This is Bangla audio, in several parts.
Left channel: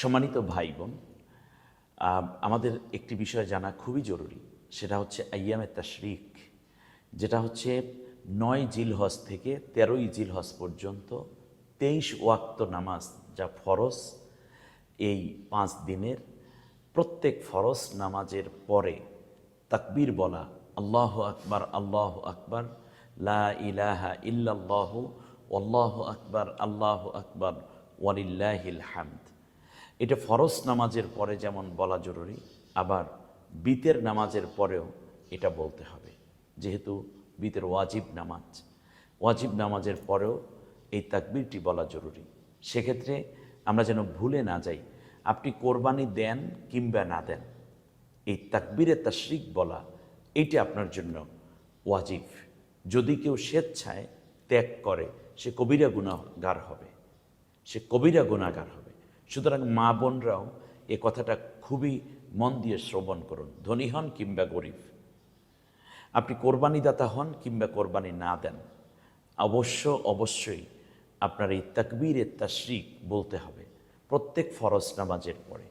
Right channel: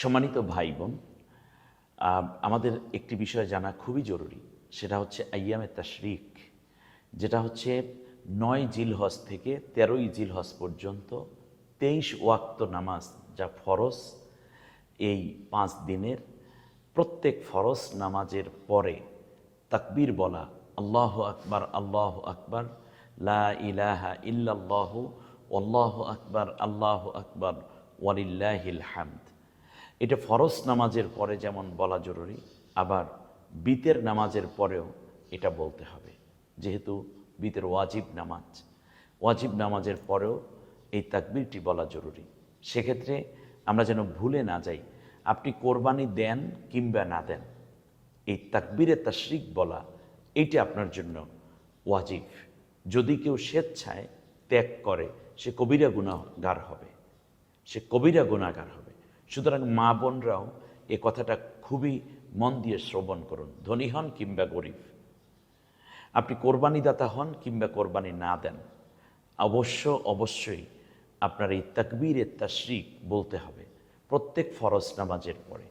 সম্মানিত ভাই বোন, আমাদের একটি বিষয় জানা খুবই জরুরি। সেটা হচ্ছে আইয়ামে তাশরিক, যেটা হচ্ছে 9 জিলহজ থেকে 13ই জিলহজ পর্যন্ত 23 ওয়াক্ত নামাজ যা ফরজ। এই 5 দিনের প্রত্যেক ফরজ নামাজের পরে তাকবীর বলা, আল্লাহু আকবার আল্লাহু আকবার, লা ইলাহা ইল্লাল্লাহু আল্লাহু আকবার আল্লাহু আকবার ওয়ালিল্লাহিল হামদ। এটা ফরজ নামাজের পরে যেমন বলা জরুরি, আবার বিতের নামাজের পরেও এটা বলতে হবে। যেহেতু বিতের ওয়াজিব নামাজের পরেও এই তাকবীরটি বলা জরুরি। সেক্ষেত্রে আমরা যেন ভুলে না যাই, আপনি কোরবানি দেন কিংবা না দেন, এই তাকবীরে তাশরিক বলা এইটা আপনার জন্য ওয়াজিব। যদি কেউ স্বেচ্ছায় ত্যাগ করে সে কবিরা গুনাহগার হবে, সুতরাং মা বোনরাও এ কথাটা খুবই মন দিয়ে শ্রবণ করুন। ধনী হন কিংবা গরিব, আপনি কোরবানিদাতা হন কিংবা কোরবানি না দেন, অবশ্যই আপনার এই তাকবীরে তাশরিক বলতে হবে প্রত্যেক ফরজ নামাজের পরে।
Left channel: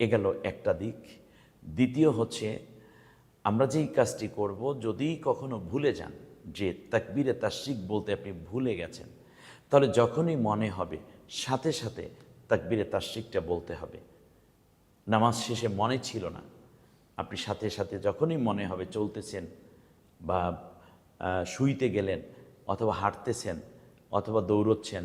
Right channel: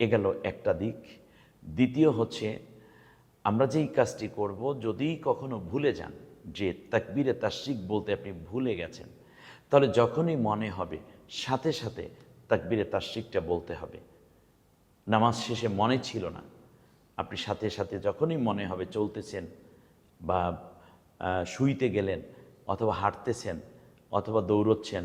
এ গেল একটা দিক। দ্বিতীয় হচ্ছে, আমরা যেই কাজটি করব, যদি কখনো ভুলে যান যে তাকবীরে তাশরিক বলতে আপনি ভুলে গেছেন, তাহলে যখনই মনে হবে সাথে সাথে তাকবীরে তাশরিকটা বলতে হবে। নামাজ শেষে মনে ছিল না, আপনি সাথে সাথে যখনই মনে হবে, চলতেছেন বা শুইতে গেলেন অথবা হাঁটতেছেন অথবা দৌড়চ্ছেন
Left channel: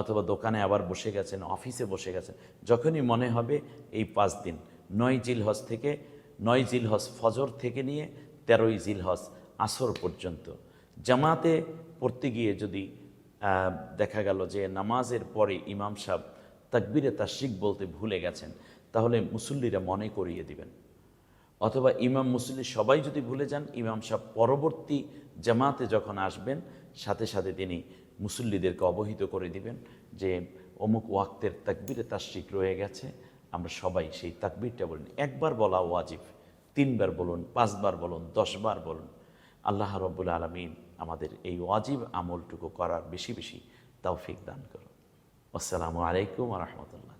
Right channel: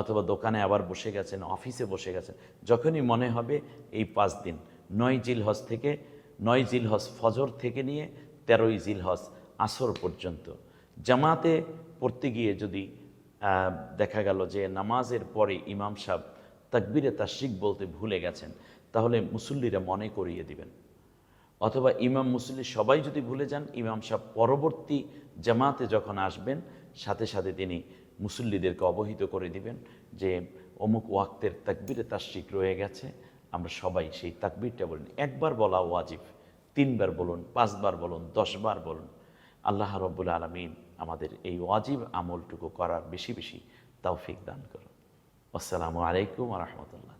অথবা দোকানে আবার বসে গেছেন, অফিসে বসে গেছেন, যখনই মনে হবে এই 5 দিন 9 জিলহজ থেকে 9 জিলহজ ফজর থেকে নিয়ে 13ই জিলহজ আসর পর্যন্ত জামাতে পড়তে গিয়ে যদি দেখা গেল যে নামাজের পরে ইমাম সাহেব তাকবীরে তাশরিক বলতে ভুলে গেছেন, তাহলে মুসল্লিরা মনে করিয়ে দিবেন। অথবা ইমাম মুসল্লি সবাই যদি ভুলে যান, ইমাম সাহেব পরবর্তী জামাতে যখন আসবেন সাথে সাথে তিনি মুসল্লিদেরকে অবহিত করে দিবেন যে অমুক ওয়াক্তের তাকবীরে তাশরিক রয়ে গেছে, আমরা সবাই সেই তাকবীরটা বলুন। একবার বলা ওয়াজিব, 3 বার বলুন, 5 বার বলুন, 10 বার বলুন। আল্লাহ রাব্বুল আলামিন আমাদের এই ওয়াজিব আমলটুকু করার বেশি বেশি তৌফিক দান করুন। আসসালামু আলাইকুম ওয়া রাহমাতুল্লাহ।